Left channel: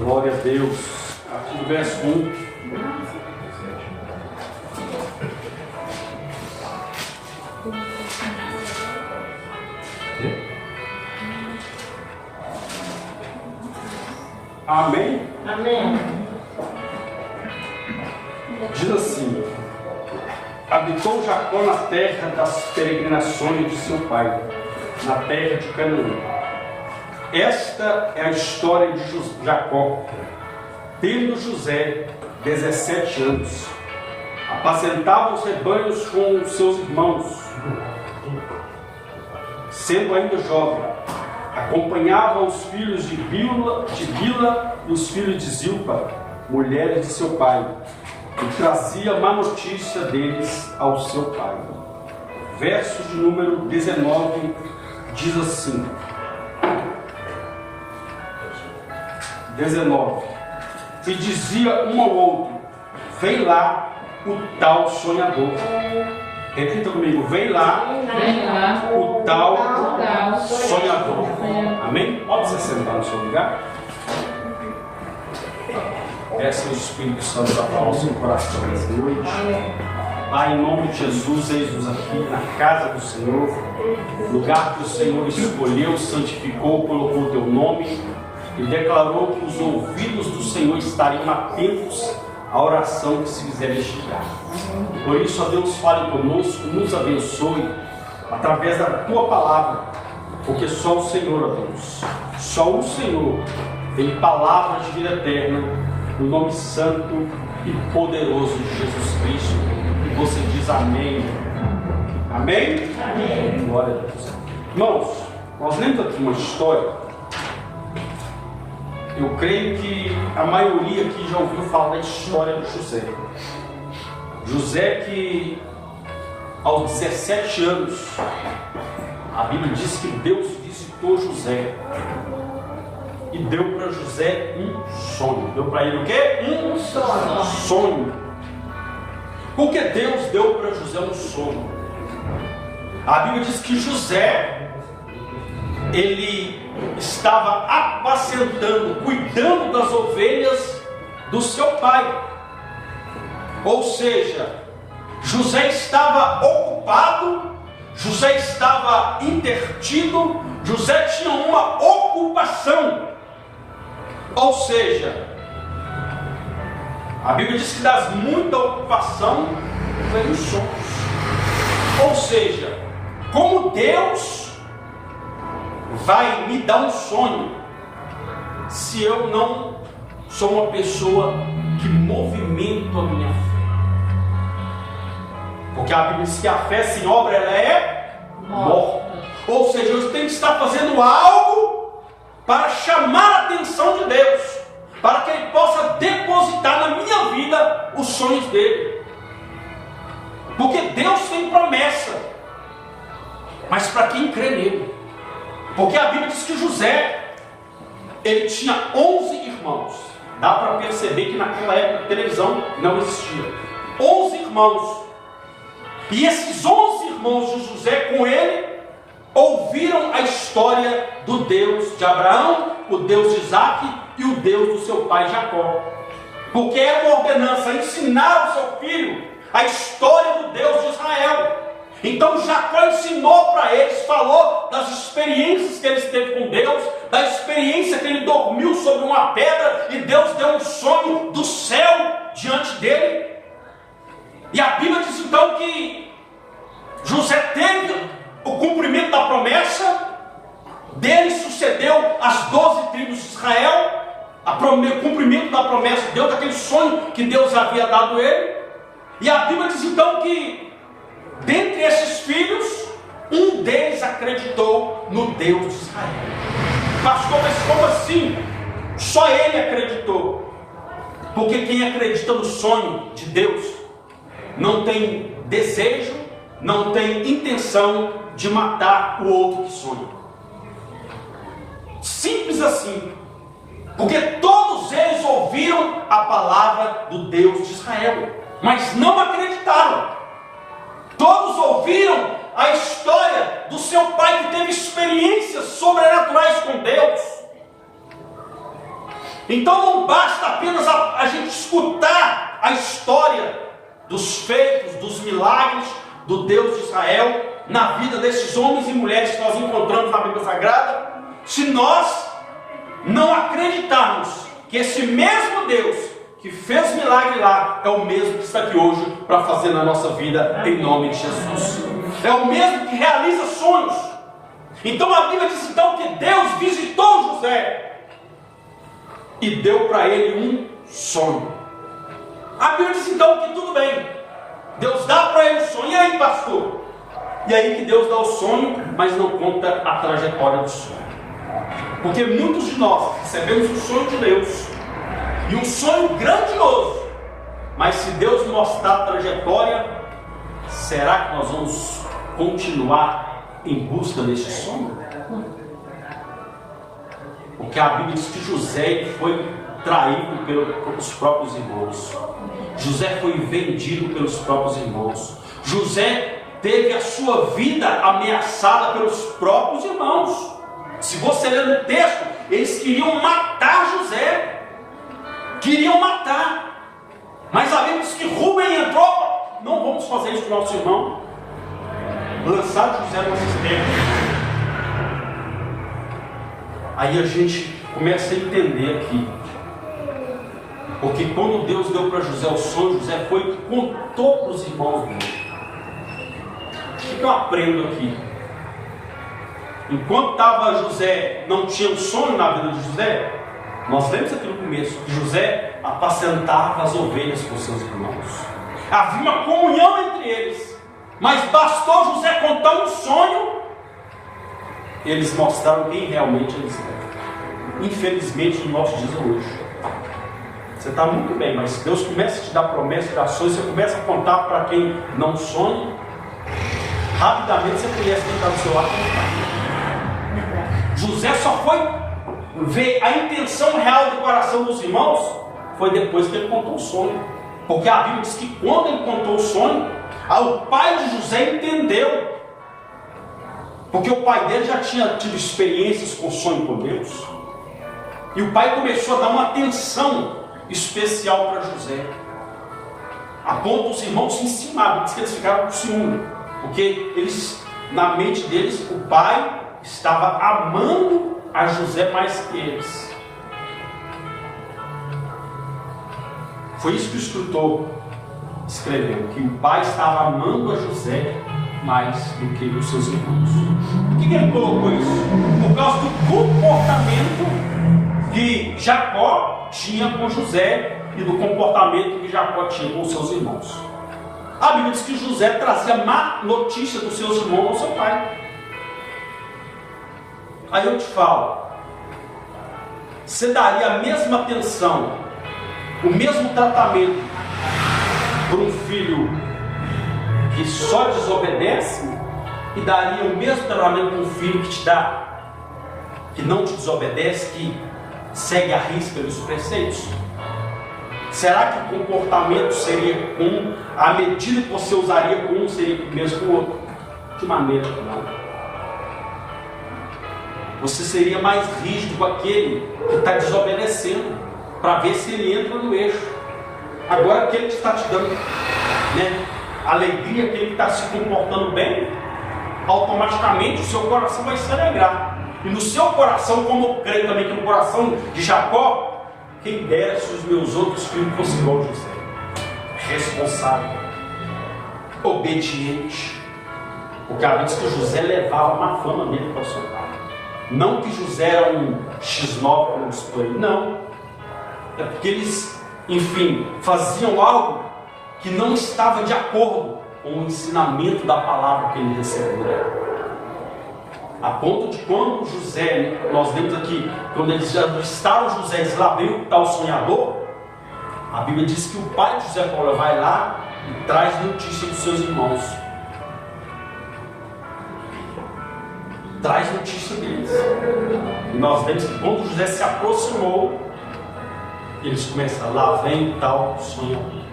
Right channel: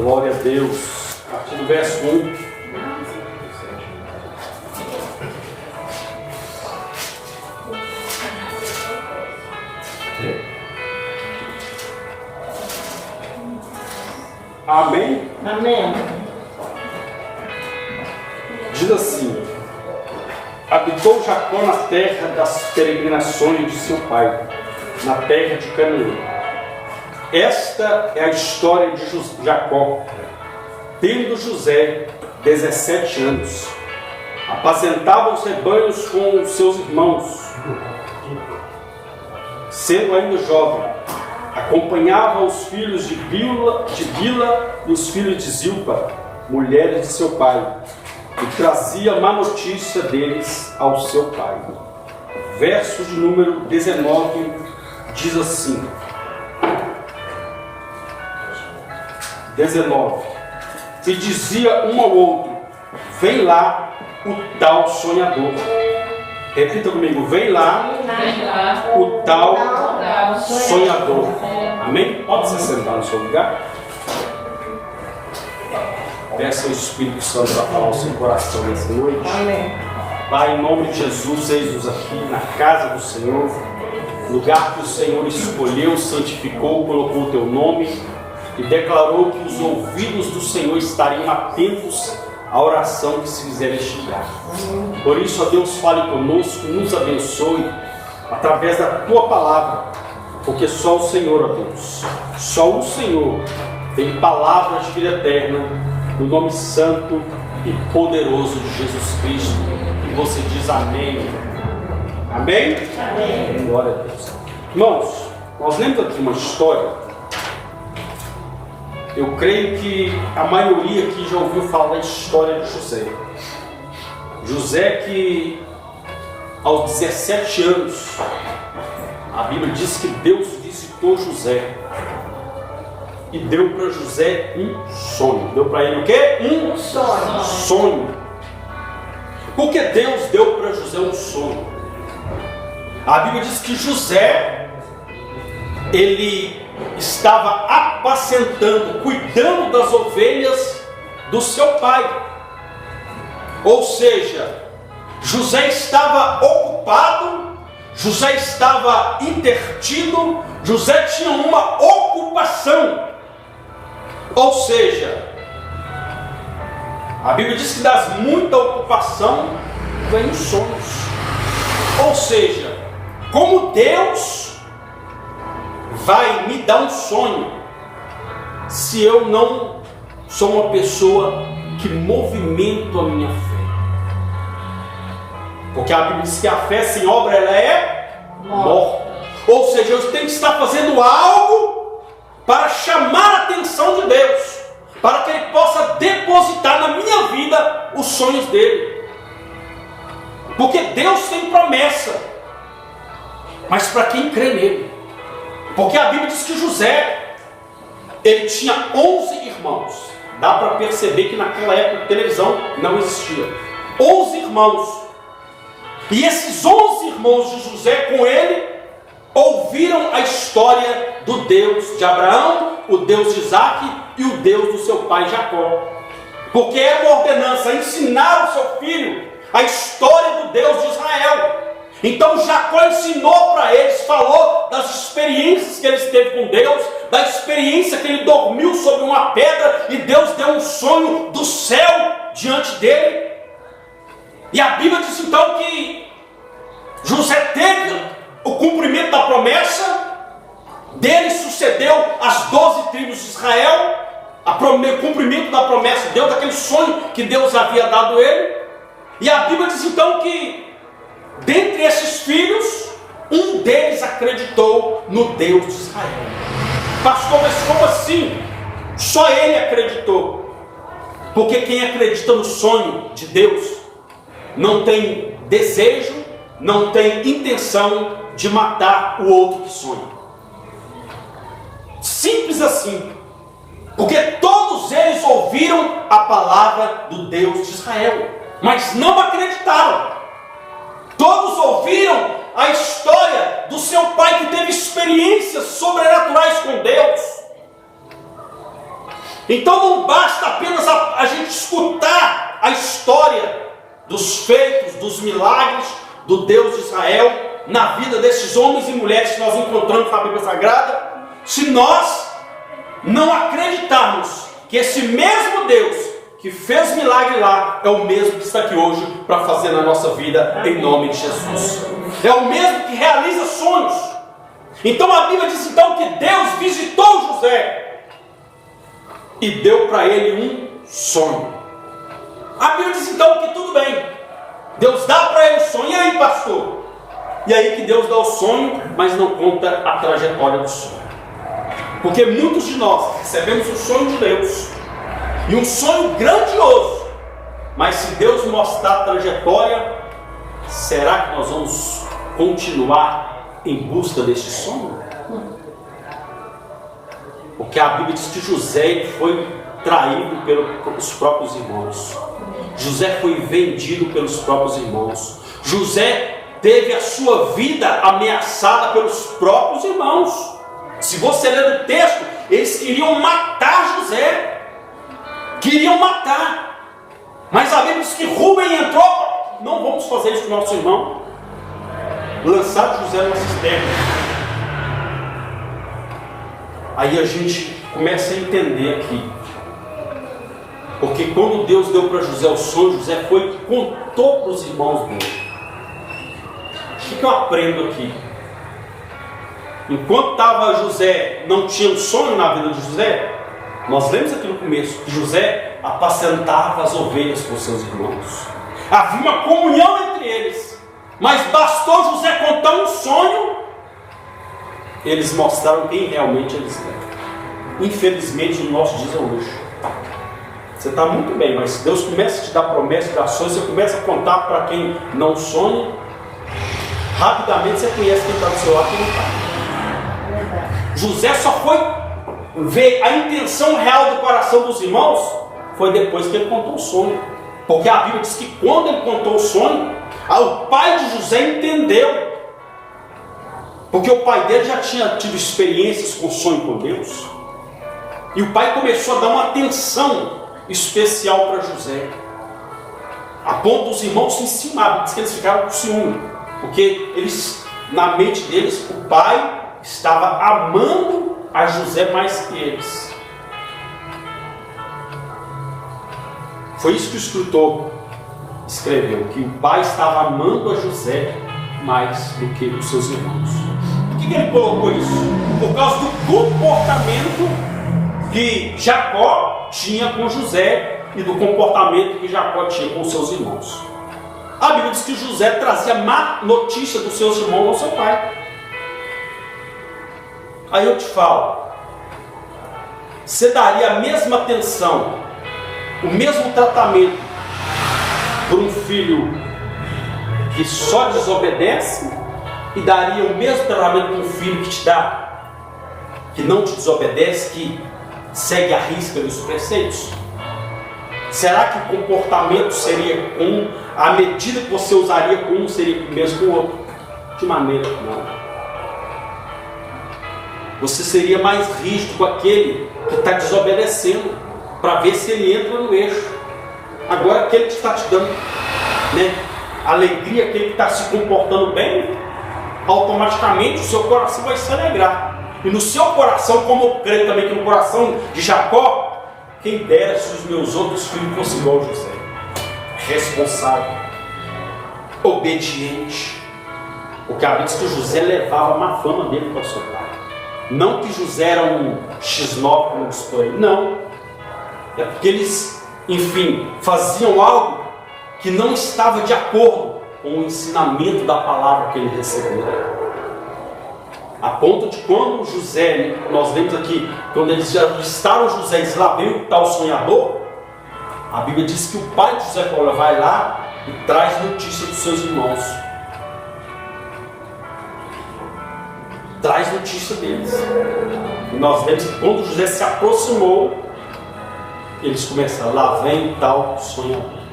Glória a Deus. A partir do verso 1. Amém? Amém. Diz assim: habitou Jacó na terra das peregrinações de seu pai, na terra de Canaã. Esta é a história de Jacó. Tendo José 17 anos, apacentava os rebanhos com os seus irmãos. Sendo ainda jovem, acompanhava os filhos de Bila e os filhos de Zilpa, mulheres de seu pai, e trazia má notícia deles ao seu pai. Verso de número 19 diz assim: 19. E dizia um ao outro: vem lá o tal sonhador. Repita comigo: vem lá o tal sonhador. Amém? Pode se sentar no seu lugar. Peça o Espírito Santo para falar o seu coração nessa noite. Amém. Pai, em nome de Jesus, eis-nos aqui na casa do Senhor, lugar que o Senhor escolheu, santificou, colocou o teu nome e declarou que os ouvidos do Senhor estariam atentos à oração que se fizer neste lugar. Por isso, ó Deus, fale conosco, nos abençoe através da tua palavra, porque só o Senhor, ó Deus, só o Senhor tem palavras de vida eterna, no nome santo e poderoso de Jesus Cristo. E você diz amém. Amém? Amém. Glória a Deus. Irmãos, nós lemos aqui uma história. Eu creio que a maioria aqui já ouviu falar da história de José. José que aos 17 anos, a Bíblia diz que Deus visitou José e deu para José um sonho. Deu para ele o quê? Um sonho. Porque Deus deu para José um sonho. A Bíblia diz que José, ele estava apacentando, cuidando das ovelhas do seu pai. Ou seja, José estava ocupado, José estava intertido, José tinha uma ocupação. Ou seja, a Bíblia diz que das muita ocupação vem os sonhos. Ou seja, como Deus vai me dar um sonho se eu não sou uma pessoa que movimento a minha fé? Porque a Bíblia diz que a fé sem obra ela é morta. Ou seja, eu tenho que estar fazendo algo para chamar a atenção de Deus, para que Ele possa depositar na minha vida os sonhos dele. Porque Deus tem promessa, mas para quem crê nele. Porque a Bíblia diz que José, ele tinha 11 irmãos. Dá para perceber que naquela época a televisão não existia. 11 irmãos. E esses 11 irmãos de José com ele ouviram a história do Deus de Abraão, o Deus de Isaac e o Deus do seu pai Jacó. Porque é uma ordenança ensinar o seu filho a história do Deus de Israel. Então Jacó ensinou para eles, falou das experiências que ele teve com Deus, da experiência que ele dormiu sobre uma pedra e Deus deu um sonho do céu diante dele. E a Bíblia diz então que José teve o cumprimento da promessa, dele sucedeu as 12 tribos de Israel, o cumprimento da promessa, Deus daquele sonho que Deus havia dado a ele. E a Bíblia diz então que dentre esses filhos, um deles acreditou no Deus de Israel. Pastor, mas como assim? Só ele acreditou. Porque quem acredita no sonho de Deus não tem desejo, não tem intenção de matar o outro que sonha. Simples assim. Porque todos eles ouviram a palavra do Deus de Israel, mas não acreditaram. Todos ouviram a história do seu pai que teve experiências sobrenaturais com Deus. Então não basta apenas a gente escutar a história dos feitos, dos milagres do Deus de Israel na vida desses homens e mulheres que nós encontramos na Bíblia Sagrada, se nós não acreditarmos que esse mesmo Deus que fez milagre lá é o mesmo que está aqui hoje para fazer na nossa vida, em nome de Jesus. É o mesmo que realiza sonhos. Então a Bíblia diz então que Deus visitou José e deu para ele um sonho. A Bíblia diz então que tudo bem, Deus dá para ele o sonho. E aí, pastor? E aí que Deus dá o sonho, mas não conta a trajetória do sonho. Porque muitos de nós recebemos o sonho de Deus, e um sonho grandioso, mas se Deus mostrar a trajetória, será que nós vamos continuar em busca desse sonho? Porque a Bíblia diz que José foi traído pelos próprios irmãos. José foi vendido pelos próprios irmãos. José teve a sua vida ameaçada pelos próprios irmãos. Se você ler o texto, eles queriam matar José. Queriam matar. Mas a Bíblia diz que Rúben entrou. Não vamos fazer isso com o nosso irmão. Lançar José numa cisterna. Aí a gente começa a entender aqui. Porque quando Deus deu para José o sonho, José foi e contou para os irmãos dele. O que eu aprendo aqui? Enquanto estava José, não tinha um sonho na vida de José. Nós lemos aqui no começo que José apacentava as ovelhas com seus irmãos. Havia uma comunhão entre eles. Mas bastou José contar um sonho, eles mostraram quem realmente eles eram. Infelizmente, no nosso dia hoje, você está muito bem, mas Deus começa a te dar promessas e ações, você começa a contar para quem não sonha, rapidamente você conhece quem está do seu lado e quem não está. José só foi ver a intenção real do coração dos irmãos, foi depois que ele contou o sonho. Porque a Bíblia diz que quando ele contou o sonho, o pai de José entendeu. Porque o pai dele já tinha tido experiências com sonho com Deus. E o pai começou a dar uma atenção especial para José. A ponto dos irmãos se encimaram, diz que eles ficaram com ciúme. Porque eles, na mente deles, o pai estava amando a José mais que eles. Foi isso que o escritor escreveu, que o pai estava amando a José mais do que os seus irmãos. Por que ele colocou isso? Por causa do comportamento que Jacó tinha com José e do comportamento que Jacó tinha com os seus irmãos. A Bíblia diz que José trazia má notícia dos seus irmãos ao seu pai. Aí eu te falo, você daria a mesma atenção, o mesmo tratamento por um filho que só desobedece, e daria o mesmo tratamento para um filho que te dá, que não te desobedece, que segue a risca dos preceitos? Será que o comportamento seria com a medida que você usaria com um seria o mesmo com o outro? De maneira que não. Você seria mais rígido com aquele que está desobedecendo, para ver se ele entra no eixo. Agora aquele que está te dando, alegria, aquele que está se comportando bem, automaticamente o seu coração vai se alegrar. E no seu coração, como eu creio também que no coração de Jacó, quem dera se os meus outros filhos fossem igual a José, responsável, obediente. Porque a Bíblia diz que José levava uma fama dele para o seu pai. Não que José era um X9 como diz por aí, não. É porque eles, enfim, faziam algo que não estava de acordo com o ensinamento da palavra que ele recebeu. A ponto de quando José, nós lemos aqui, quando eles já avistaram José, eles lá veio o tal sonhador, a Bíblia diz que o pai de José Paulo vai lá e traz notícia dos seus irmãos. Traz notícia deles. E nós vemos que quando José se aproximou, eles começaram, lá vem o tal sonhador.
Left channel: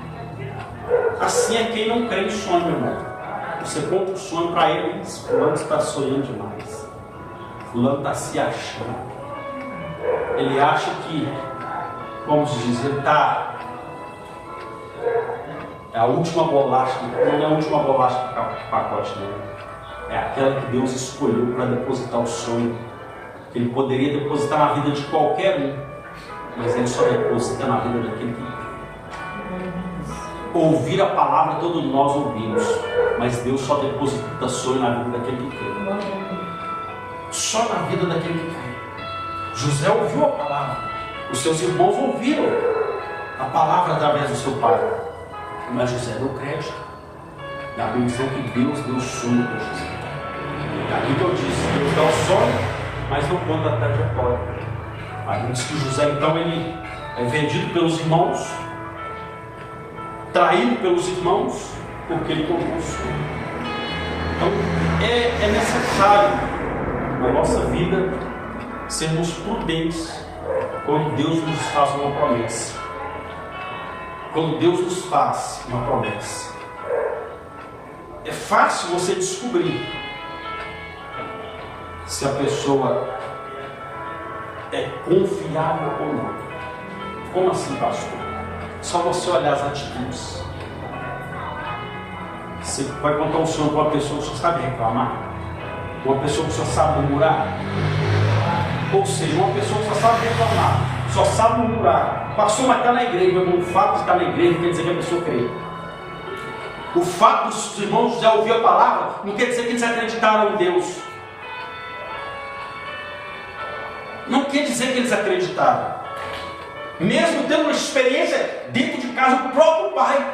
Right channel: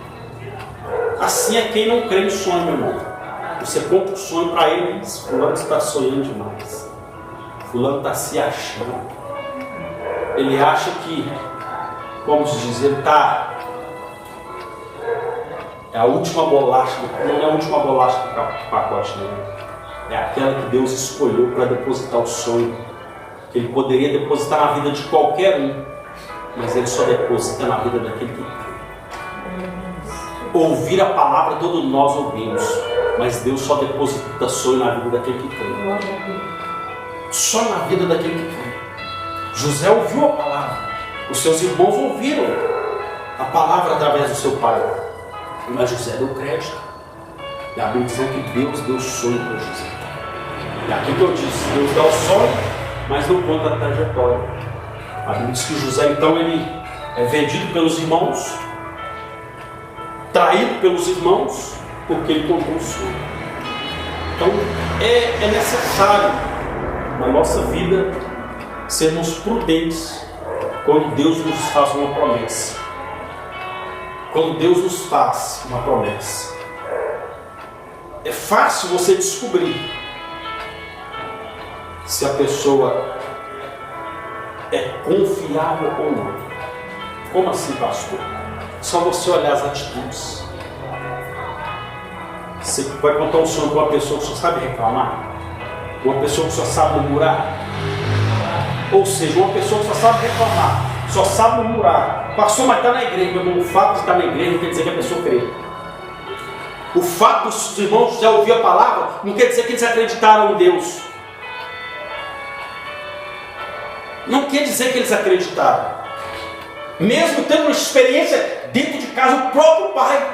Assim é quem não crê em sonho, meu irmão. Você conta um sonho para ele e diz, fulano está sonhando demais. Fulano está se achando. Ele acha que como se diz, ele está... É a última bolacha, não é a última bolacha do pacote, né? É aquela que Deus escolheu para depositar o sonho. Ele poderia depositar na vida de qualquer um, mas ele só deposita na vida daquele que crê. Ouvir a palavra todos nós ouvimos, mas Deus só deposita sonho na vida daquele que crê. Só na vida daquele que crê. José ouviu a palavra, os seus irmãos ouviram a palavra através do seu pai, mas José deu crédito. E a Bíblia diz que Deus deu sonho para José. E aqui que eu disse, Deus dá o sonho, mas não conta a trajetória. A Bíblia diz que José então ele é vendido pelos irmãos, traído pelos irmãos, porque ele contou o sonho. Então é necessário na nossa vida sermos prudentes quando Deus nos faz uma promessa. Quando Deus nos faz uma promessa, é fácil você descobrir se a pessoa é confiável ou não. Como assim, pastor? Só você olhar as atitudes. Você vai contar um sonho para uma pessoa que só sabe reclamar, uma pessoa que só sabe murmurar, ou seja, uma pessoa que só sabe reclamar, só sabe murmurar. Pastor, mas está na igreja. O fato de estar na igreja não quer dizer que a pessoa crê. O fato dos irmãos já ouvir a palavra não quer dizer que eles acreditaram em Deus. Não quer dizer que eles acreditaram. Mesmo tendo uma experiência dentro de casa, o próprio pai.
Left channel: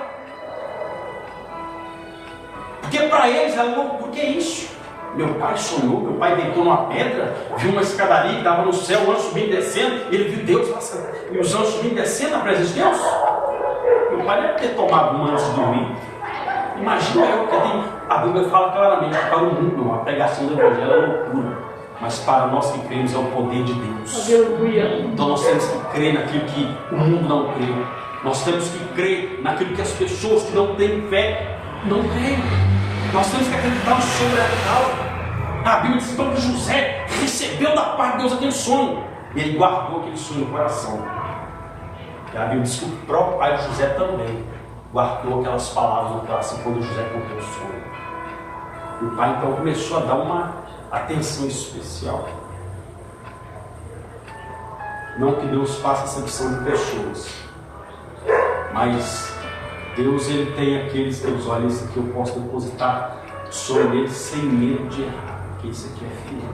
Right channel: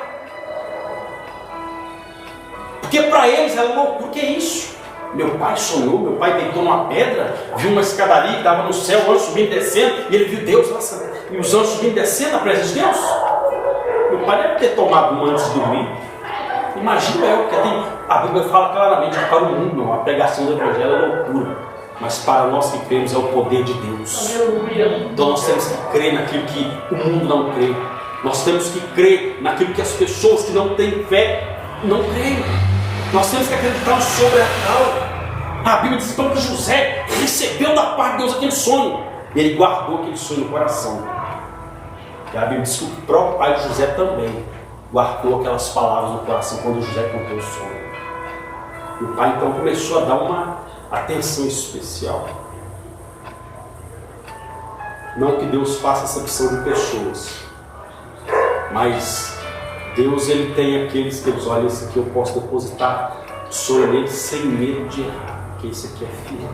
Porque para eles era loucura. O que é isso? Meu pai sonhou, meu pai deitou numa pedra, viu uma escadaria que dava no céu, o anjo subindo e descendo, e ele viu Deus, nossa, e os anjos subindo e descendo na presença de Deus. Meu pai deve ter tomado uma antes de dormir. Imagina eu, porque a Bíblia fala claramente que para o mundo a pregação do Evangelho é loucura, mas para nós que cremos é o poder de Deus. Então nós temos que crer naquilo que o mundo não crê. Nós temos que crer naquilo que as pessoas que não têm fé não creem. Nós temos que acreditar no sobrenatural. A Bíblia diz então que José recebeu da parte de Deus aquele sonho. E ele guardou aquele sonho no coração. E a Bíblia diz que o próprio pai de José também guardou aquelas palavras no coração quando José contou o sonho. E o pai então começou a dar uma atenção especial. Não que Deus faça acepção de pessoas, mas Deus ele tem aqueles que eles olham, isso aqui eu posso depositar sonho nele sem medo de errar, porque isso aqui é firme.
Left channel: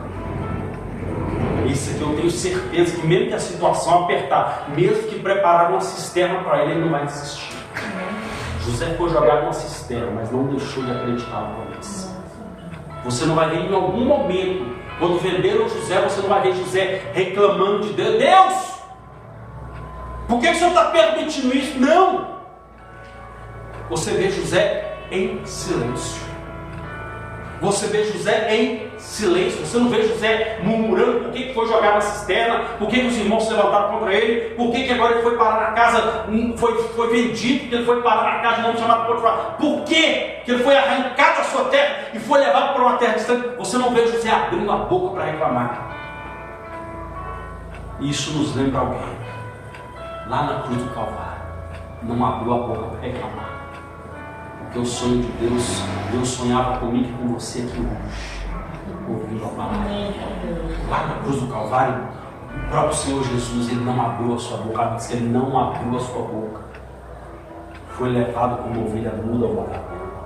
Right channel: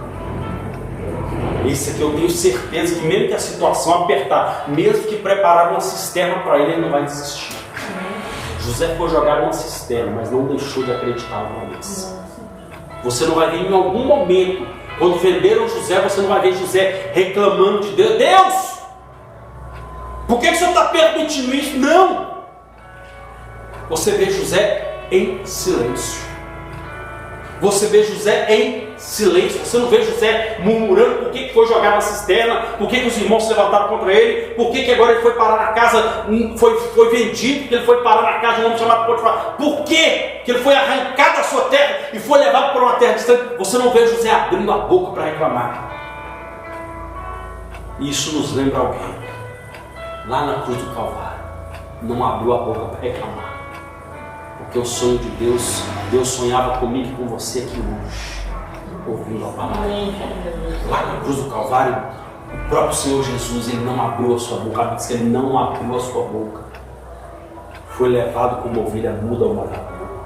Isso aqui eu tenho certeza que mesmo que a situação apertar, mesmo que preparar uma cisterna para ele, ele não vai desistir. José foi jogado numa cisterna, mas não deixou de acreditar na promessa. Você não vai ver em algum momento, quando venderam José, você não vai ver José reclamando de Deus. Deus, por que o Senhor está permitindo isso? Não! Você vê José em silêncio. Você vê José em silêncio. Você não vê José murmurando por que foi jogar na cisterna, por que os irmãos se levantaram contra ele, por que agora ele foi parar na casa, foi vendido, porque ele foi parar na casa de um homem chamado Potifar. Por que ele foi arrancado da sua terra e foi levado para uma terra distante? Você não vê José abrindo a boca para reclamar. E isso nos lembra alguém. Lá na cruz do Calvário, não abriu a boca para reclamar. Porque o sonho de Deus, Deus sonhava comigo e com você aqui hoje, ouvindo a palavra. Lá na cruz do Calvário, o próprio Senhor Jesus, ele não abriu a sua boca, diz que ele não abriu a sua boca. Foi levado como ovelha muda ao matadouro.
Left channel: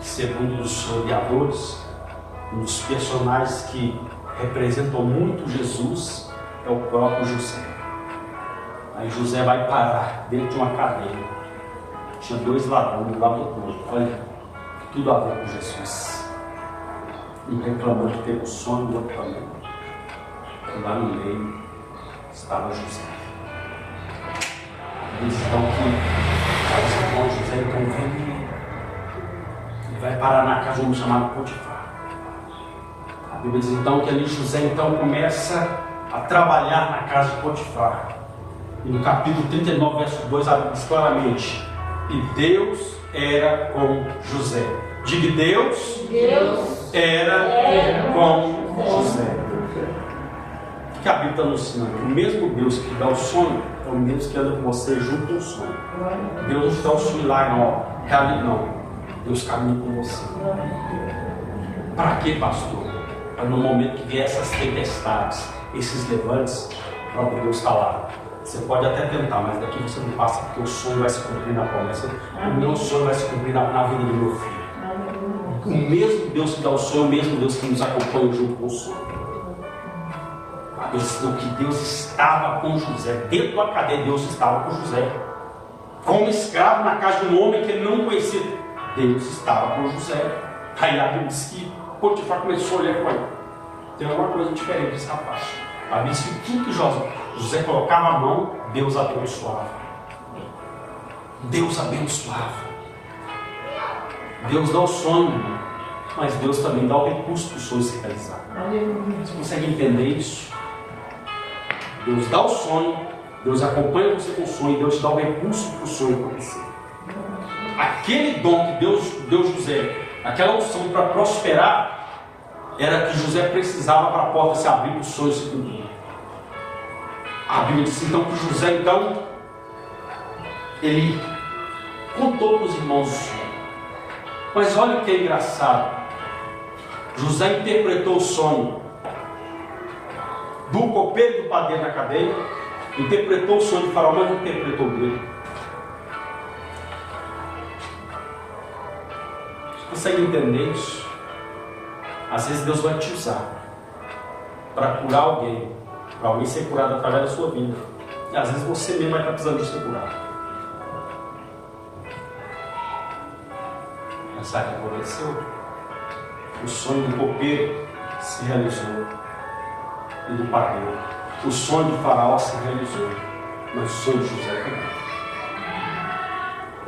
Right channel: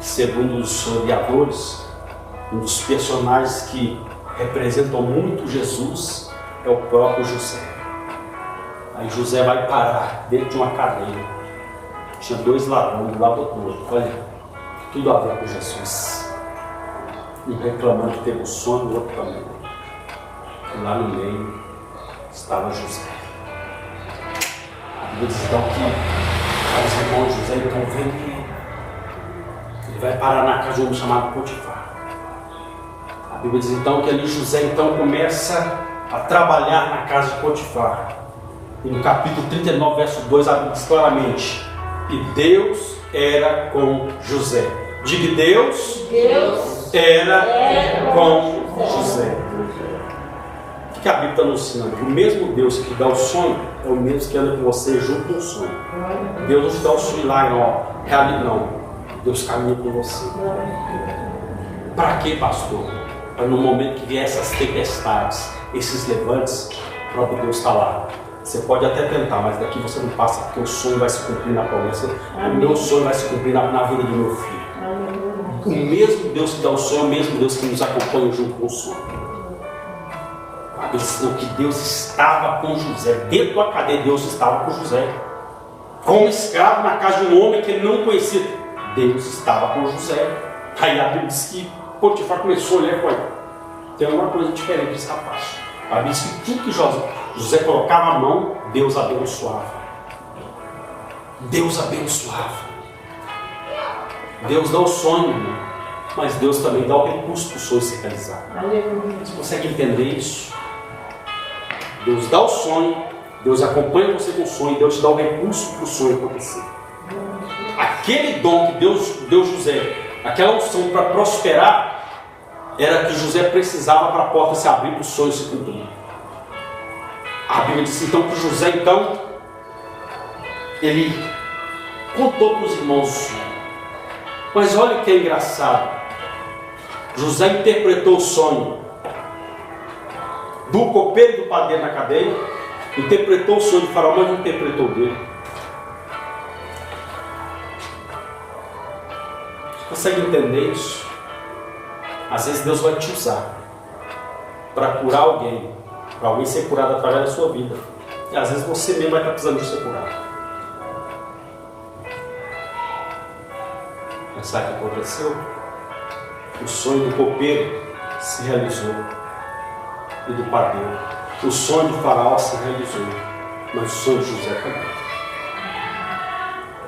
Segundo os historiadores, um dos personagens que representam muito Jesus é o próprio José. Aí José vai parar dentro de uma cadeia. Tinha dois ladrões do lado do outro. Olha, tudo a ver com Jesus. Um reclamando que teve um sonho, o outro também. E lá no meio estava José. A Bíblia diz então que os irmãos José então vem. Ele vai parar na casa de um homem chamado Potifar. A Bíblia diz então que ali José então começa a trabalhar na casa de Potifar. E no capítulo 39, verso 2, a Bíblia diz claramente: e Deus era com José. Diga, Deus era com José. O que a Bíblia está nos ensinando? O mesmo Deus que dá o sonho é o mesmo que anda com você junto com o sonho. Deus não te dá o sonho lá, realidade não. Deus caminha com você. Para quê, pastor? Para no momento que vier essas tempestades, esses levantes, o próprio Deus está lá. Você pode até tentar, mas daqui você não passa, porque o sonho vai se cumprir na promessa. O meu sonho vai se cumprir na vida do meu filho. O mesmo Deus que dá o sonho, o mesmo Deus que nos acompanha junto com o sonho. A Bíblia ensinou que Deus estava com José. Dentro da cadeia, Deus estava com José. Como escravo na casa de um homem que ele não conhecia, Deus estava com José. Aí a Bíblia diz que Potifar começou a olhar e falou: tem alguma coisa diferente nesse rapaz. A Bíblia diz que tudo que José colocava a mão, Deus abençoava. Deus abençoava. Deus dá o sonho, irmão, mas Deus também dá o recurso para o sonho se realizar. Você consegue entender isso? Deus dá o sonho, Deus acompanha você com o sonho, Deus te dá o recurso para o sonho acontecer. Aquele dom que Deus deu José, aquela unção para prosperar, era que José precisava para a porta se abrir para o sonho se cumprir. A Bíblia diz então que José, ele contou para os irmãos o sonho. Mas olha o que é engraçado. José interpretou o sonho do copeiro e do padeiro na cadeia, interpretou o sonho de Faraó, mas não interpretou o dele. Você consegue entender isso? Às vezes Deus vai te usar para curar alguém, para alguém ser curado através da sua vida. E às vezes você mesmo vai estar precisando de ser curado. Mas sabe o que aconteceu? O sonho do copeiro se realizou e do padeiro. O sonho de Faraó se realizou, mas o sonho de José também.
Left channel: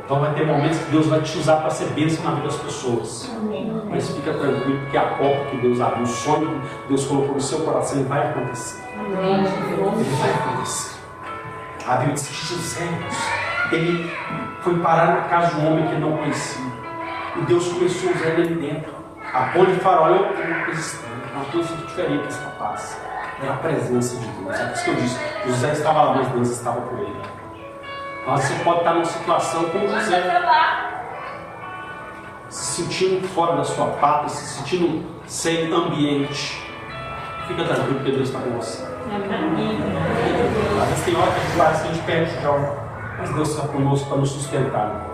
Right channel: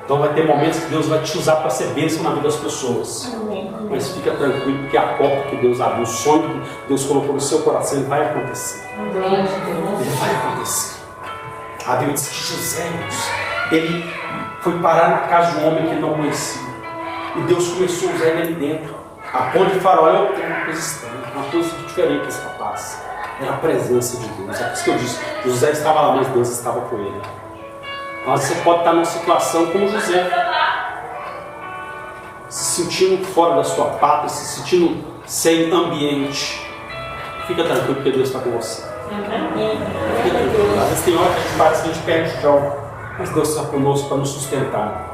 Então vai ter momentos que Deus vai te usar para ser bênção na vida das pessoas. Mas fica tranquilo, porque a porta que Deus abriu, o sonho que Deus colocou no seu coração, ele vai acontecer. Ele vai acontecer. A Bíblia diz que José, ele foi parar na casa de um homem que ele não conhecia. E Deus começou a usar ele ali dentro. A ponte de Faraó é uma coisa estranha, uma coisa diferente esse rapaz. Era a presença de Deus. É por isso que eu disse, José estava lá, mas Deus estava com ele. Então você pode estar numa situação como José, se sentindo fora da sua pátria, se sentindo sem ambiente. Fica tranquilo, porque Deus está com você. Fica tranquilo. Às vezes tem hora que a gente parece que a gente perde o chão, mas Deus está conosco para nos sustentar.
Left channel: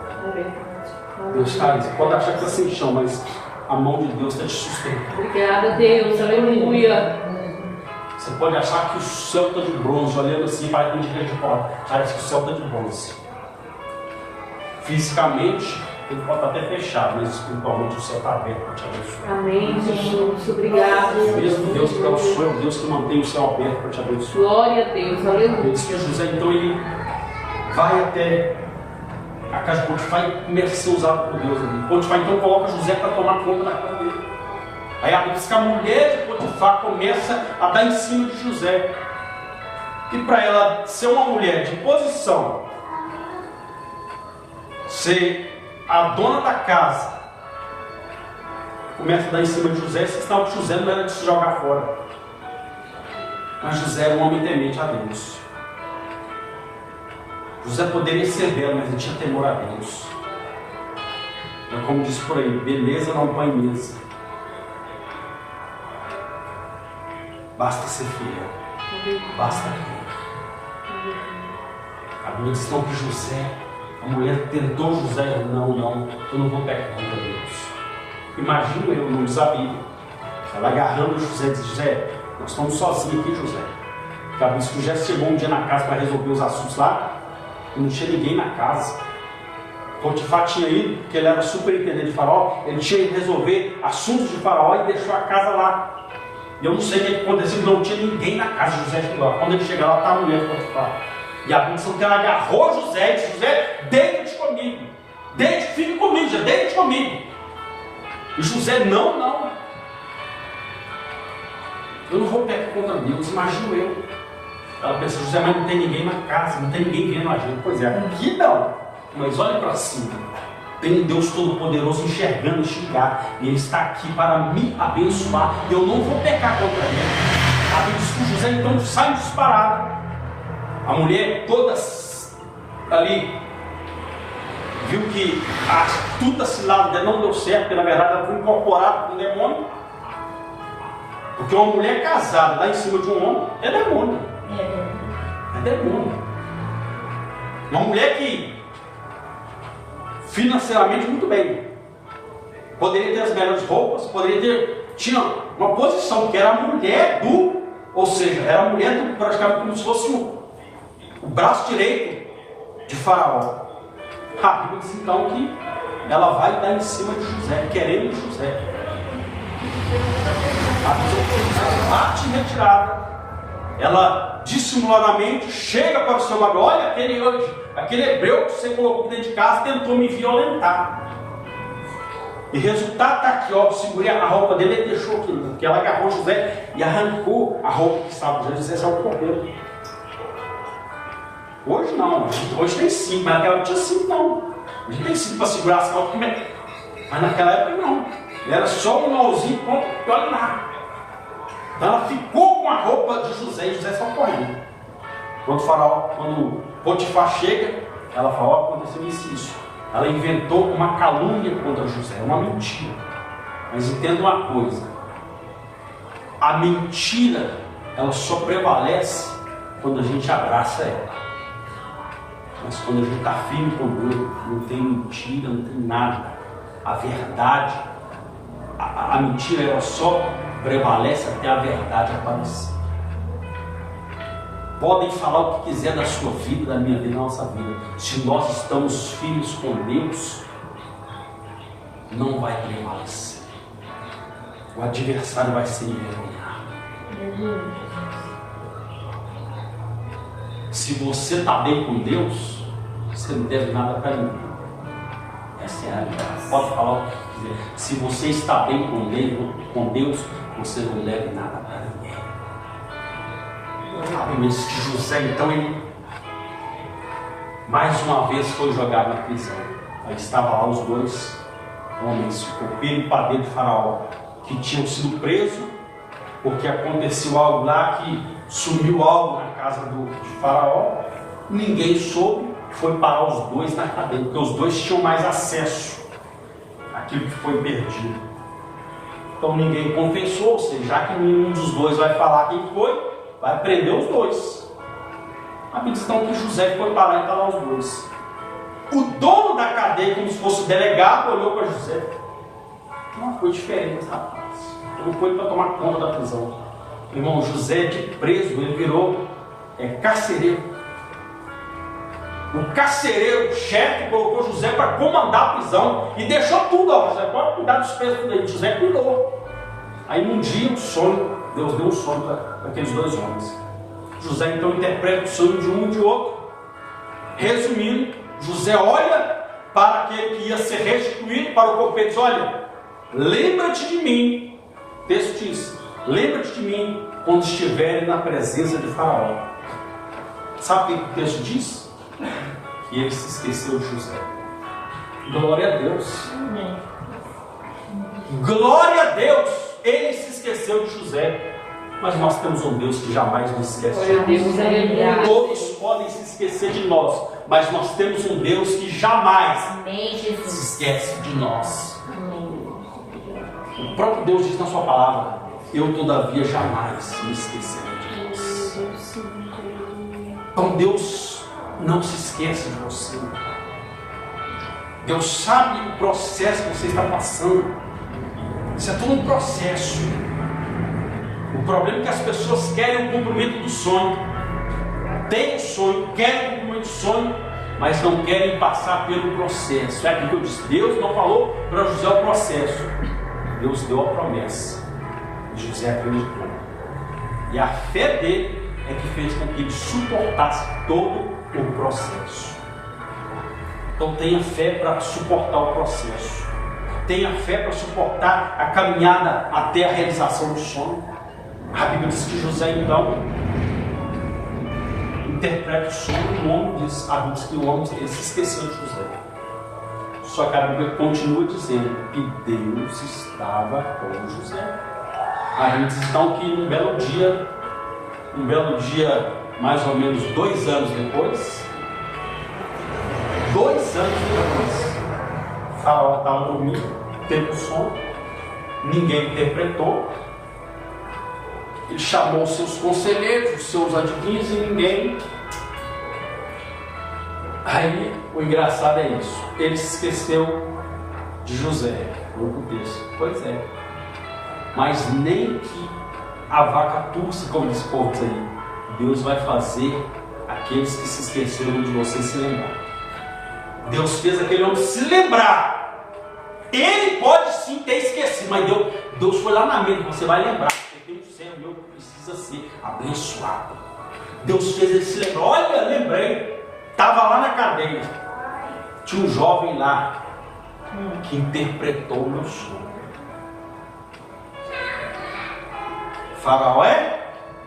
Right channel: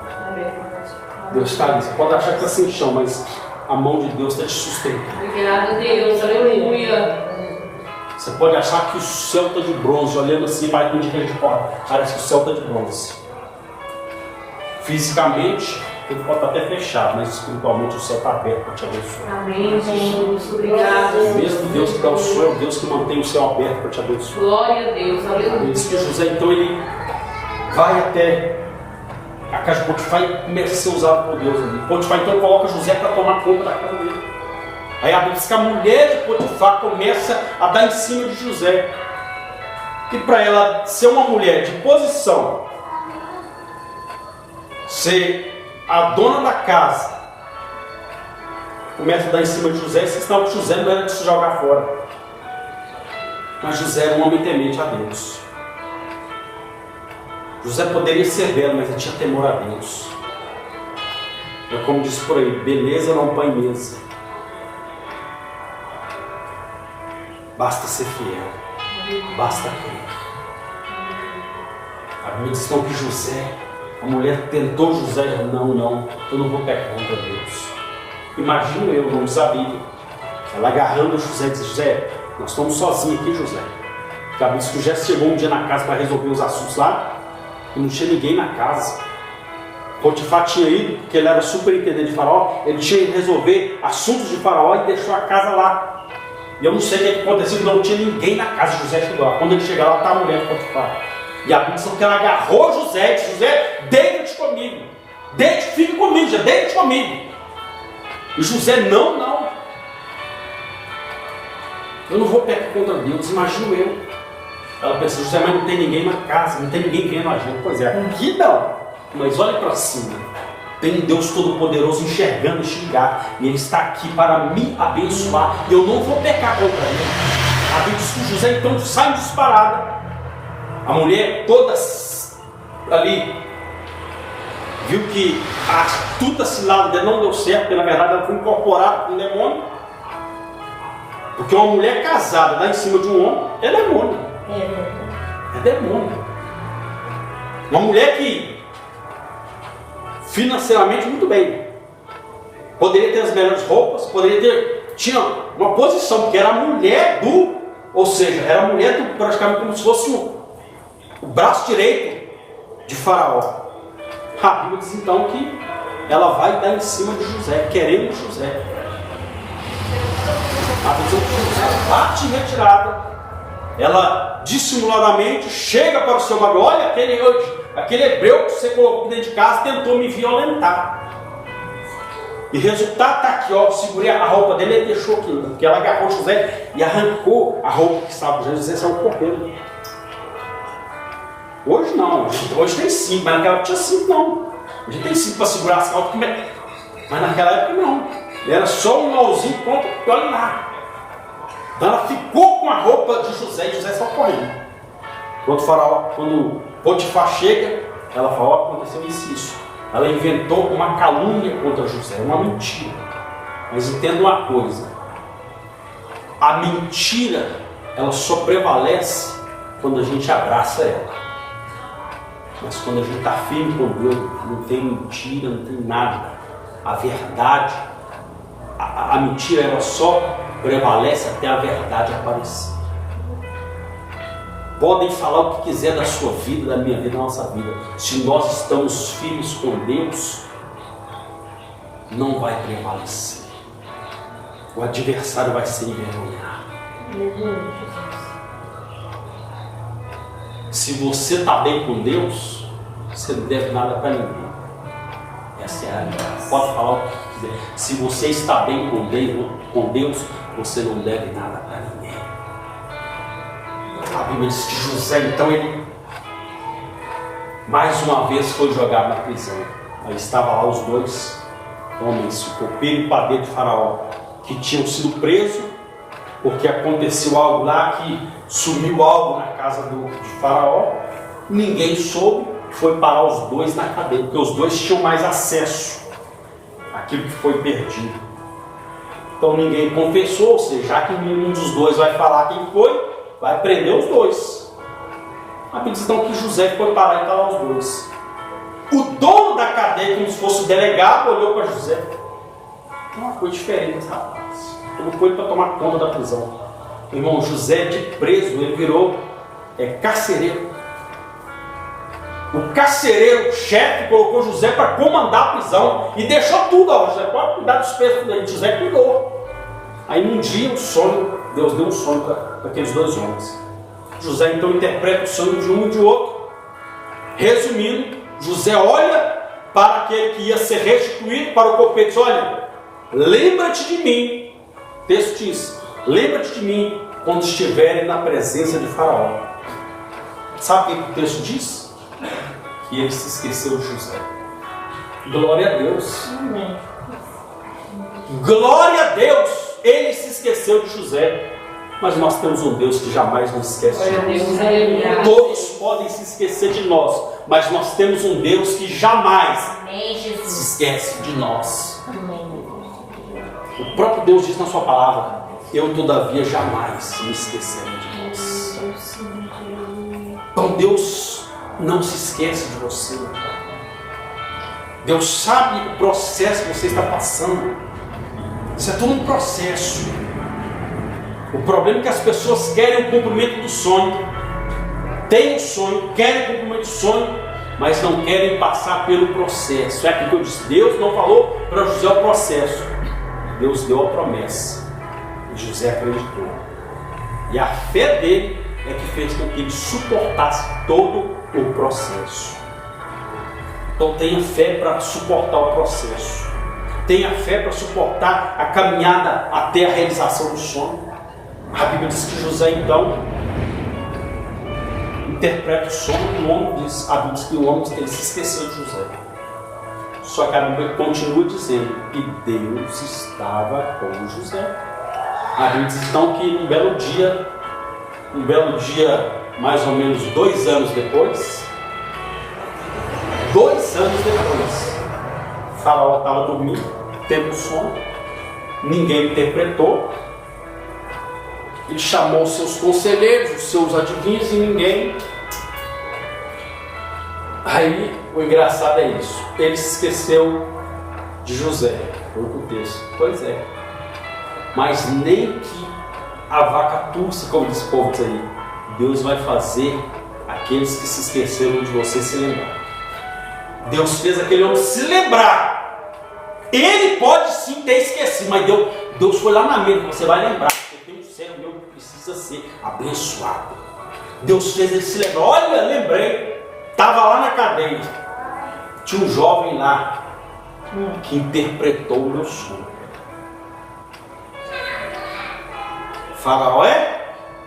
Deus está ali. Você pode achar que está sem chão, mas a mão de Deus está te sustentando. Obrigada, Deus. Aleluia. Você pode achar que o céu está de bronze, olhando assim, para quem a gente pode. Parece que o céu está de bronze. Fisicamente, ele pode estar até fechado, mas espiritualmente o céu está aberto para te abençoar. Amém, Jesus. Obrigado. Mesmo Deus que dá o céu, Deus que mantém o céu aberto para te abençoar. Glória a Deus. Aleluia. Ele diz que José, então, ele vai até a casa de Potifar e começa a ser usado por Deus ali. Potifar então coloca José para tomar conta da casa dele. Aí a Bíblia diz que a mulher de Potifar começa a dar em cima de José. E para ela ser uma mulher de posição, ser a dona da casa, começa a dar em cima de José, senão que José não era de se jogar fora. Mas José era um homem temente a Deus. José poderia ser belo, mas ele tinha temor a Deus. É como diz por aí, beleza não põe mesa. Basta ser fiel. Basta crer. A Bíblia diz que José, a mulher tentou José, não, eu não vou pecar contra Deus. Imagino eu, não diz a Bíblia, ela agarrando José, diz: José, nós estamos sozinhos aqui, José. Porque a Bíblia diz que José chegou um dia na casa para resolver os assuntos lá, e não tinha ninguém na casa. Potifar tinha ido, porque ele era superintendente de Faraó, ele tinha que resolver assuntos de Faraó e deixou a casa lá. E eu não sei o que aconteceu, não tinha ninguém na casa de José chegou lá. Quando ele chega lá, está a mulher de Potifar. E a Bíblia diz que ela agarrou José e disse: José, deita-te comigo. Fique comigo, já deita-te comigo. E José, não. Eu não vou pecar contra Deus, imagino eu. Ela pensa: José, mas não tem ninguém na casa, não tem ninguém vendo a gente. Pois é, aqui não. Mas olha para cima. Tem Deus Todo-Poderoso enxergando, enxergar. E Ele está aqui para me abençoar. E eu não vou pecar contra Ele. A Bíblia diz que José então sai disparado. A mulher toda ali viu que a astuta cilada dele não deu certo, porque na verdade ela foi incorporada com um demônio. Porque uma mulher casada lá em cima de um homem é demônio. É demônio. Uma mulher que financeiramente muito bem, poderia ter as melhores roupas, tinha uma posição, porque era a mulher ou seja, era a mulher praticamente como se fosse o braço direito de Faraó. A Bíblia diz então que ela vai dar em cima de José, querendo José. A Bíblia diz que José bate em retirada. Ela dissimuladamente chega para o seu marido: olha, aquele hebreu que você colocou dentro de casa tentou me violentar. E resultado está aqui, ó, segurei a roupa dele e deixou aquilo, porque ela agarrou José e arrancou a roupa que estava José. José saiu correndo. Hoje não, hoje tem cinto, mas naquela época tinha cinto não. Hoje tem cinto para segurar as calças, mas naquela época não. Era só um mauzinho, olha lá. Então ela ficou com a roupa de José e José saiu correndo. Quando Potifar chega, ela fala: ó, aconteceu isso. Ela inventou uma calúnia contra José, uma mentira. Mas entenda uma coisa: a mentira, ela só prevalece quando a gente abraça ela. Mas quando a gente está firme com Deus, não tem mentira, não tem nada. A verdade, a mentira, ela só prevalece até a verdade aparecer. Podem falar o que quiser da sua vida, da minha vida, da nossa vida. Se nós estamos firmes com Deus, não vai prevalecer. O adversário vai ser envergonhado. Se você está bem com Deus, você não deve nada para ninguém. Essa é a realidade. Pode falar o que quiser. Se você está bem com Deus, você não deve nada para ninguém. A Bíblia diz que José, então, ele mais uma vez foi jogado na prisão. Aí estavam lá os dois homens, o copeiro e o padeiro de Faraó, que tinham sido presos, porque aconteceu algo lá, que sumiu algo na casa de Faraó. Ninguém soube, foi parar os dois na cadeia, porque os dois tinham mais acesso àquilo que foi perdido. Então ninguém confessou, ou seja, já que nenhum dos dois vai falar quem foi, vai prender os dois. A Bíblia diz então que José foi parar e está lá os dois. O dono da cadeia, como se fosse o delegado, olhou para José: uma coisa diferente esse rapaz. Colocou ele para tomar conta da prisão. O irmão José, de preso, ele virou carcereiro. O carcereiro, o chefe, colocou José para comandar a prisão e deixou tudo. Ó, José, pode cuidar dos presos aí. José cuidou. Aí um dia, um sonho, Deus deu um sonho para aqueles dois homens. José então interpreta o sonho de um e de outro. Resumindo, José olha para aquele que ia ser restituído, para o copeiro, e diz: olha, lembra-te de mim. O texto diz: lembra-te de mim quando estiverem na presença de Faraó. Sabe o que o texto diz? Que ele se esqueceu de José. Glória a Deus. Glória a Deus. Ele se esqueceu de José. Mas nós temos um Deus que jamais nos esquece de nós. Todos podem se esquecer de nós, mas nós temos um Deus que jamais se esquece de nós. O próprio Deus diz na sua palavra: eu todavia jamais me esquecerei de vós. Então Deus não se esquece de você. Deus sabe o processo que você está passando. Isso é todo um processo. O problema é que as pessoas querem o cumprimento do sonho. Têm o sonho, querem o cumprimento do sonho, mas não querem passar pelo processo. É aquilo que eu disse: Deus não falou para José o processo. Deus deu a promessa. E José acreditou. E a fé dele é que fez com que ele suportasse todo o processo. Então tenha fé para suportar o processo. Tenha fé para suportar a caminhada até a realização do sonho. A Bíblia diz que José então interpreta o sonho do homem. A Bíblia diz que o homem se esqueceu de José. Só que a Bíblia continua dizendo que Deus estava com José. A Bíblia diz então que um belo dia Um belo dia, mais ou menos 2 anos depois, 2 anos depois, Faraó estava dormindo, tendo sono, ninguém interpretou. Ele chamou os seus conselheiros, os seus adivinhos, e ninguém. Aí o engraçado é isso, ele se esqueceu de José, foi o texto. Pois é, mas nem que a vaca tussa, como diz o povo aí, Deus vai fazer aqueles que se esqueceram de você se lembrar. Deus fez aquele homem se lembrar. Ele pode sim ter esquecido, mas Deus foi lá na mesa, você vai lembrar, porque tem um servo meu que precisa ser abençoado. Deus fez ele se lembrar. Olha, lembrei, estava lá na cadeia, tinha um jovem lá que interpretou o meu sonho. Faraó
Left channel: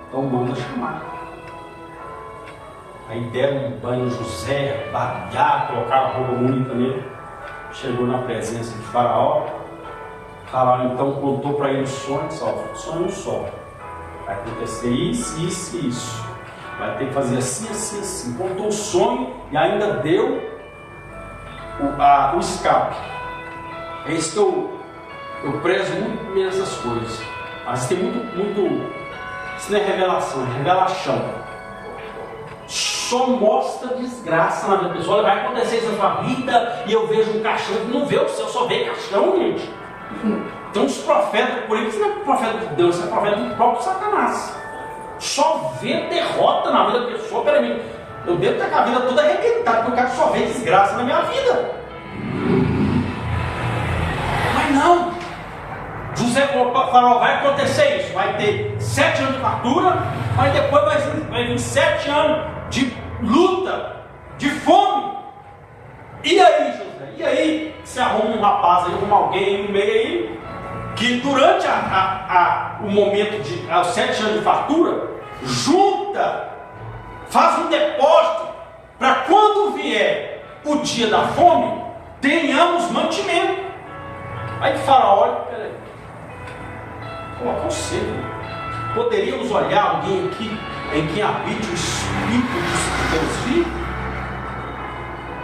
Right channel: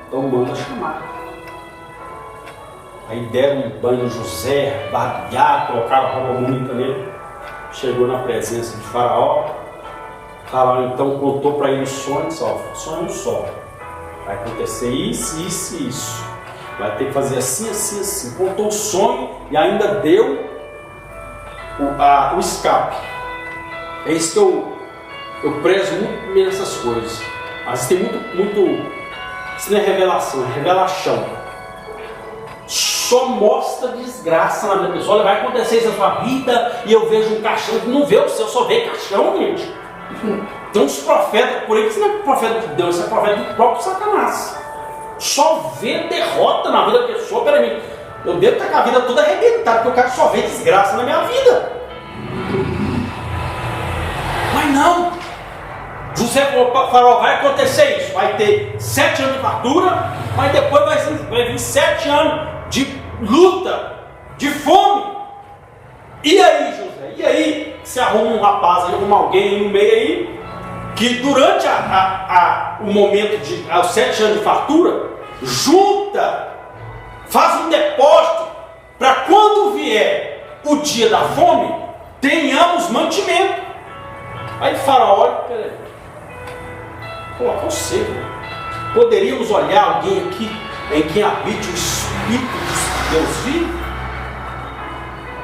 então manda chamar. Aí deram um banho em José, barbearam, colocaram a roupa bonita nele. Chegou na presença de Faraó. Faraó então contou para ele o sonho, sonho só. Vai acontecer isso, isso e isso. Vai ter que fazer assim, assim, assim. Contou o sonho e ainda deu o escape. É isso que eu prezo muito nessas coisas. Mas tem muito. Isso não é revelação, é revelação. Só mostra desgraça na vida da pessoa. Olha, vai acontecer isso na sua vida e eu vejo um caixão. Não vê o céu, só vê caixão, gente. Tem uns profetas por aí que isso não é profeta de Deus, isso é profeta do próprio Satanás. Só vê derrota na vida da pessoa. Peraí, eu devo estar com a vida toda arrebentada, porque eu quero só ver desgraça na minha vida. Mas não. José falou para Faraó, vai acontecer isso, vai ter 7 anos de fartura, mas depois vai vir 7 anos de luta, de fome. E aí, José? E aí? Você arruma um rapaz aí, arruma alguém aí no meio aí, que durante o momento de os 7 anos de fartura, junta, faz um depósito, para quando vier o dia da fome, tenhamos mantimento. Aí Faraó olha, peraí. Pô, você, poderíamos olhar alguém aqui em quem habite o Espírito de Deus vivo?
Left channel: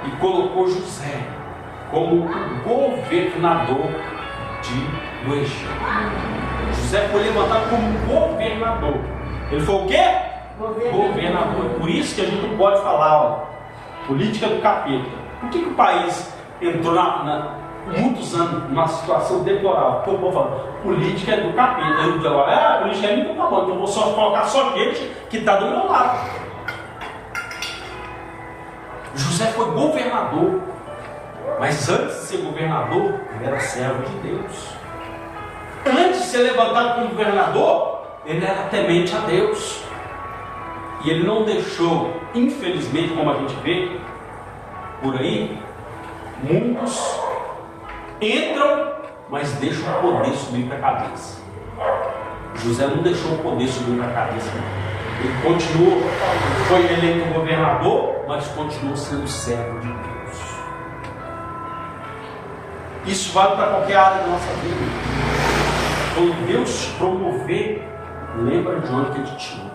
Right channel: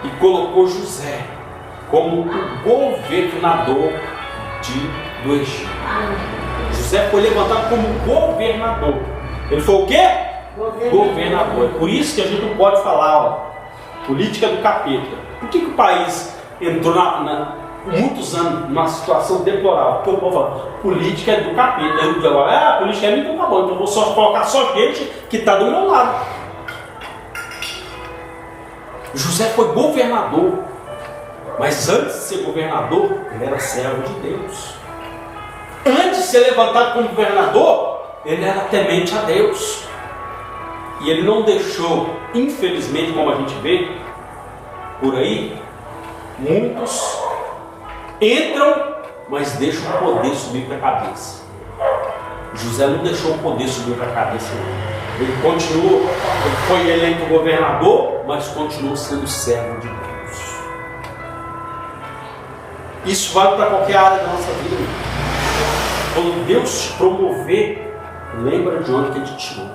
E colocou José como o governador do Egito. José foi levantado como governador. Ele foi o quê? Governador. É por isso que a gente não pode falar, ó, política do capeta. Por que o país entrou muitos anos numa situação deplorável? Porque o povo fala, política é do capeta. Aí o diabo fala, a política é minha, então tá bom, então eu vou só colocar só gente que está do meu lado. José foi governador, mas antes de ser governador, ele era servo de Deus. Antes de ser levantado como governador, ele era temente a Deus. E ele não deixou, infelizmente, como a gente vê por aí, muitos entram, mas deixam o poder subir para a cabeça. José não deixou o poder subir para a cabeça, não. Ele continuou, ele foi eleito governador, mas continuou sendo servo de Deus. Isso vale para qualquer área da nossa vida. Quando Deus te promover, lembra de onde que Ele te tirou.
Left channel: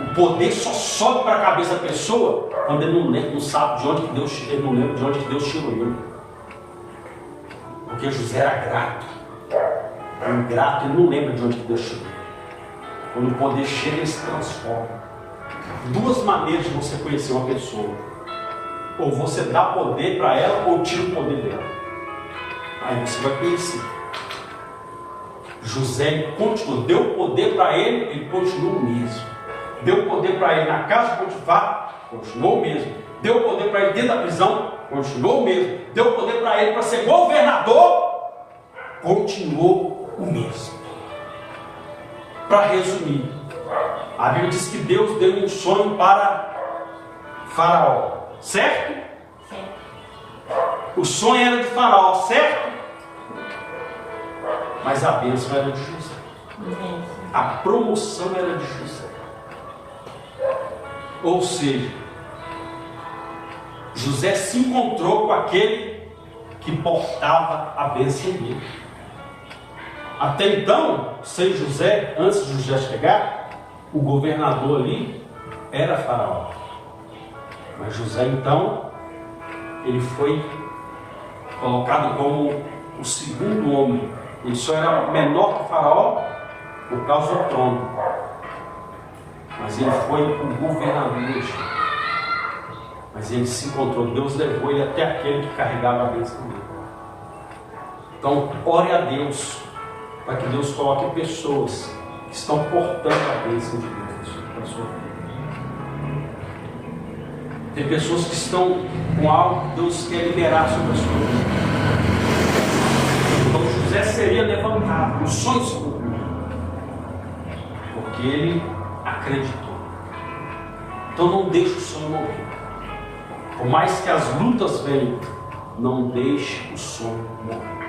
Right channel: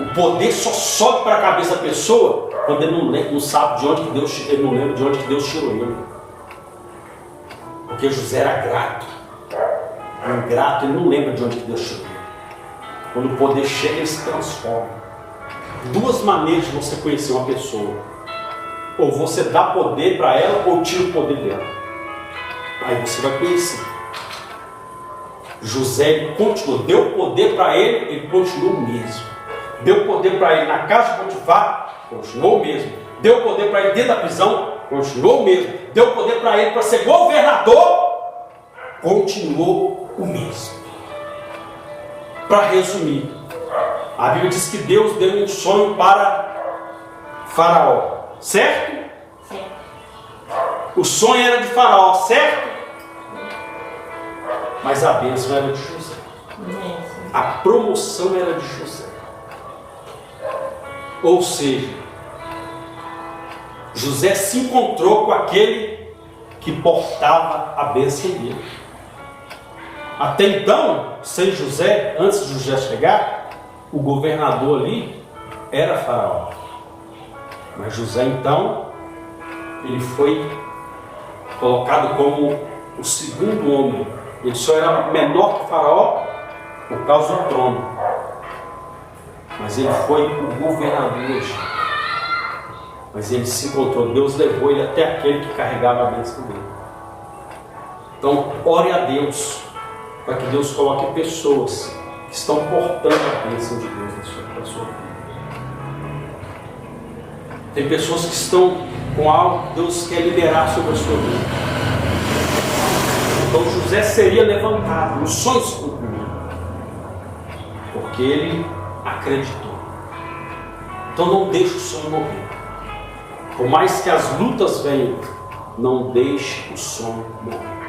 O poder só sobe para a cabeça da pessoa quando ele não sabe de onde que Deus, ele não lembra de onde que Deus tirou ele. Porque José era grato. Ingrato, ele não lembra de onde que Deus tirou ele. Quando o poder chega, ele se transforma. 2 maneiras de você conhecer uma pessoa: ou você dá poder para ela, ou tira o poder dela. Aí você vai conhecer. José, ele continuou, deu poder para ele continuou o mesmo. Deu poder para ele na casa de Potifar, continuou o mesmo. Deu poder para ele dentro da prisão, continuou o mesmo. Deu poder para ele para ser governador, continuou o mesmo. Para resumir, a Bíblia diz que Deus deu um sonho para Faraó, certo? Sim. O sonho era de Faraó, certo? Mas a bênção era de José. A promoção era de José. Ou seja, José se encontrou com aquele que portava a bênção dele. Até então, sem José, antes de José chegar, o governador ali era Faraó. Mas José, então, ele foi colocado como o segundo homem. Ele só era menor que Faraó por causa do trono. Mas ele foi o governador do Egito. Mas ele se encontrou, Deus levou ele até aquele que carregava a bênção dele. Então, ore a Deus, para que Deus coloque pessoas que estão portando a bênção de Deus na sua vida. Tem pessoas que estão com algo que Deus quer liberar sobre a sua vida. Então José seria levantado, os sonhos se cumpriram, porque ele acreditou. Então não deixe o sonho morrer. Por mais que as lutas venham, não deixe o sonho morrer.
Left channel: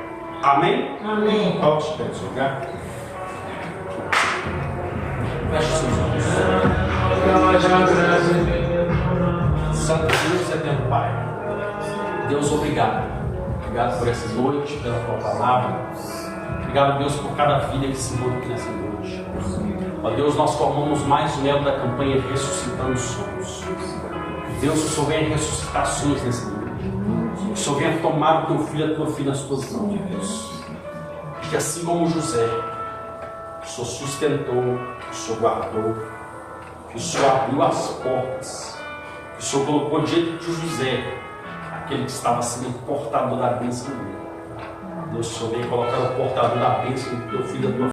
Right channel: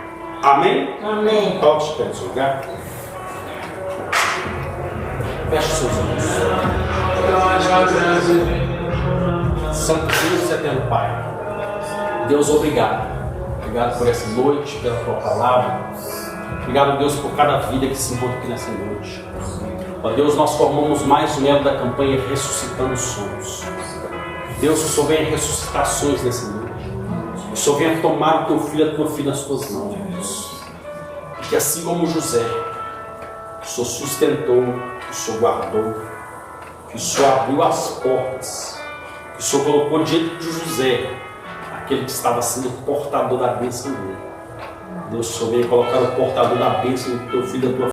Amém? Amém. Toque os pés no lugar. Feche seus olhos. Santo Deus e eterno Pai, Deus, obrigado. Obrigado por essa noite, pela tua palavra. Obrigado, Deus, por cada vida que se encontra aqui nessa noite. Ó Deus, nós formamos mais um elo da campanha Ressuscitando Sonhos. Deus, que o Senhor venha ressuscitar sonhos nessa noite. Que o Senhor venha tomar o teu filho e a tua filha nas tuas mãos, Deus. Que assim como José, que o Senhor sustentou, que o Senhor guardou, que o Senhor abriu as portas, que o Senhor colocou diante de José aquele que estava sendo o portador da bênção dele. Deus, o Senhor venha colocar o portador da bênção do teu filho e da tua filha.